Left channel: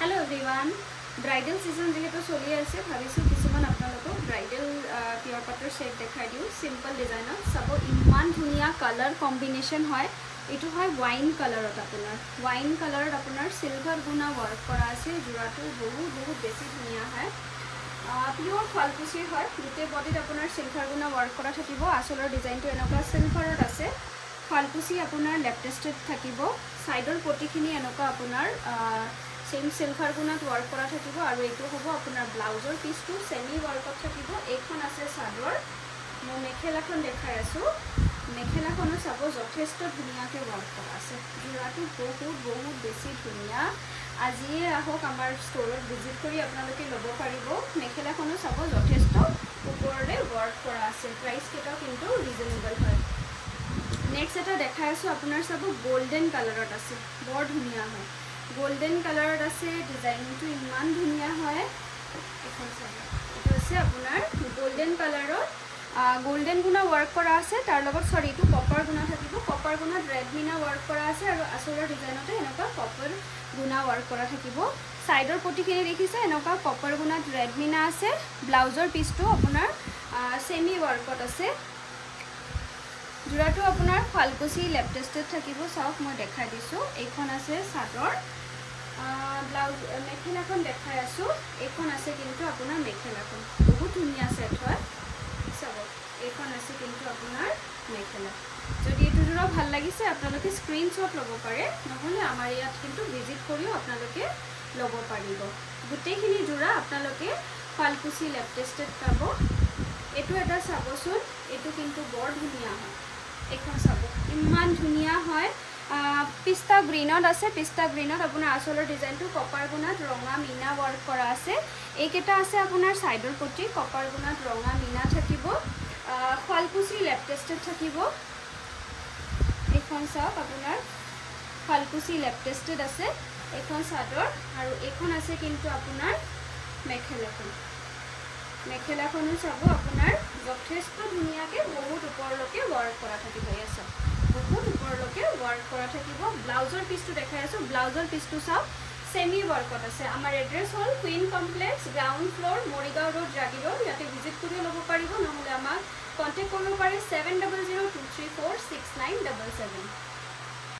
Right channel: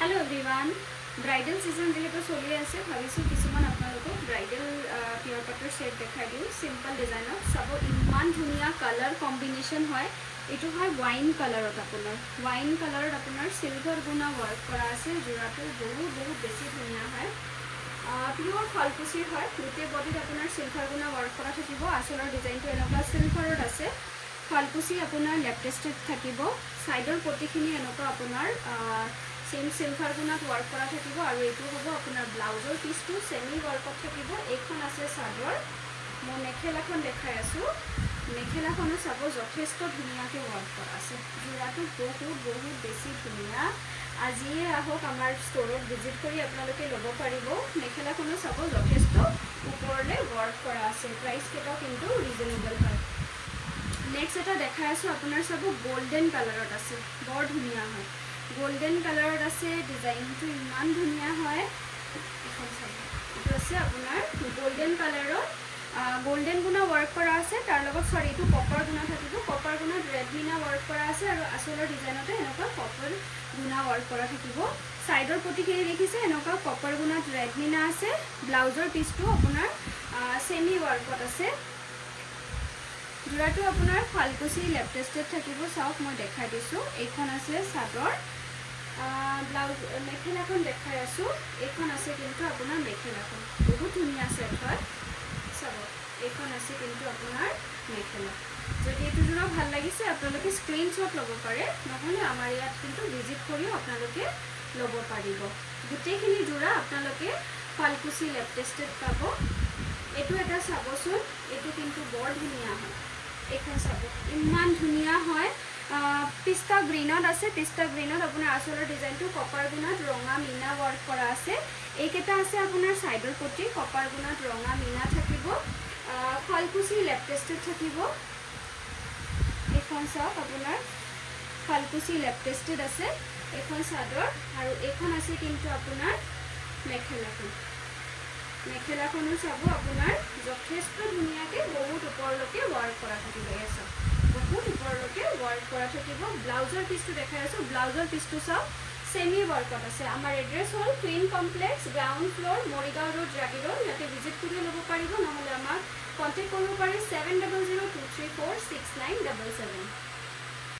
Hello everyone. Bridal season যেহেতু চলি আছে ভাবিছো কিছুমান আপোনালোকক ব্রাইডাল পিওর কটন সেট দেখাই দিও সিম্পল ডিজাইনত সব ইমান ধুনিয়া কালার কম্বিনেশন হয় এটো হয় ওয়াইন কালারত আপোনাৰ সিলভার গুনা ওয়ার্ক করা আছে জোড়াটো বহুত বেছি ধুনিয়া হয় পিওর ফালকুচি হয় গুটে বডিত আপোনাৰ সিলভাৰ গুনা ওয়াৰ্ক কৰা থাকিব আসলৰ ডিজাইনটো এনেকুৱা সিলভাৰত আছে ফালকুচি আপোনাৰ লেপটেস্টেড থাকিব সাইডৰ পটিখিনি এনেকুৱা আপোনাৰ सेम सिल्वर गुणात वर्क करा থাকিব আৰু এইটো হ'ব আপোনাৰ ব্লাউজৰ পিছটো সেমি ওয়াৰ্কত থাকিব এইখন আছে সাদৰ মই মেখেলাখন দেখাই আছো মেখেলাখনো সব যথেষ্ট ধুনিয়াকে ওয়াৰ্ক কৰা আছে জোড়াটো বহুত বেছি ধুনিয়া আজিয়ে আহক আমাৰ ষ্টৰত ভিজিট কৰি আপোনালোকে লব পাৰিব মেখেলাখনো সব যথেষ্ট ওপৰলে ওয়াৰ্ক কৰা আছে প্ৰাইস কেটাও কিন্তু ৰিজনেবল হয় নেক্সট এটা দেখাই আছো আপোনাৰ সব গোল্ডেন কালাৰত আছে বৰ ধুনিয়া হয় गोल्डन कलर আছে ডিজাইনটো ইমান ধুনিয়া হয় এখন চাব এটো আছে আপোনাৰ গোল্ডেন কালাৰত গোল্ডেন গুণা ওয়াৰ্ক কৰা আছে তাৰ লগত সৰি এটো কপাৰ গুণা থাকিব কপাৰ গুণাত ৰেড মিনা ওয়াৰ্ক কৰা আছে আৰু আসলৰ ডিজাইনতে এনেকুৱা কপাৰ গুণা ওয়াৰ্ক কৰা থাকিব সাইডৰ পটিখিনি দেখিছে এনেকুৱা কপাৰ গুণাত ৰেড মিনা আছে ব্লাউজৰ পিছটো আপোনাৰ সেমি ওয়াৰ্কত আছে জোড়াটো আপোনাৰ ফালকুচি লেপটেস্টেড থাকিব চাওক মই দেখাই দিছো এইখন আছে সাদৰ ব্লাউজ মেখেলাখন দেখাই আছো এইখন আছে কিন্তু আপোনাৰ মেখেলাখন বহুত ধুনিয়া সেট হয় চাব এইখন আছে কিন্তু আপোনাৰ মেখেলা যদি এটো জোড়া ভাল লাগিছে আপোনালোকে স্ক্ৰিনশ্বট লব পাৰে নহলে আমাৰ ইয়াত কিন্তু ভিজিট কৰিও আপোনালোকে লব পাৰিব গুটেখিনি জোড়া আপোনালোকে ফালকুচি লেপটেস্টেড পাব এটো এটা চাবচোন এটো কিন্তু বৰ ধুনিয়া হয় এখন চাব ইমান ধুনিয়া হয় পিস্তা গ্ৰীনত আছে পিস্তা গ্ৰীনত আপোনাৰ আসলৰ ডিজাইনটো কপাৰ গুণাত ৰঙা মিনা ওয়াৰ্ক কৰা আছে এইকেটা আছে আপোনাৰ সাইডৰ পটি কপাৰ গুণাত ৰঙা মিনা থাকিব ফালকুচি লেপটেস্টেড থাকিব এখন চাওক আপোনাৰ ফালকুচি লেপটেস্টেড আছে এখন সাদৰ আৰু এখন আছে কিন্তু আপোনাৰ মেখেলাখনো চাব আপোনাৰ যথেষ্ট ধুনিয়াকে বহুত ওপৰলৈকে ওয়াৰ্ক কৰা থাকিব এসা বহুত ওপৰলৈকে ওয়াৰ্ক কৰা থাকিব ব্লাউজৰ পিছটো দেখাই আছো ব্লাউজৰ পিছটো চাও সেমি ওয়াৰ্কত আছে আমাৰ এড্ৰেছ হল Queen Complex ground floor Morigaon road Jagi road ইয়াতে ভিজিট কৰি লব পাৰিব নহলে আমাক কন্টাক্ট কৰিব পাৰে 7002346977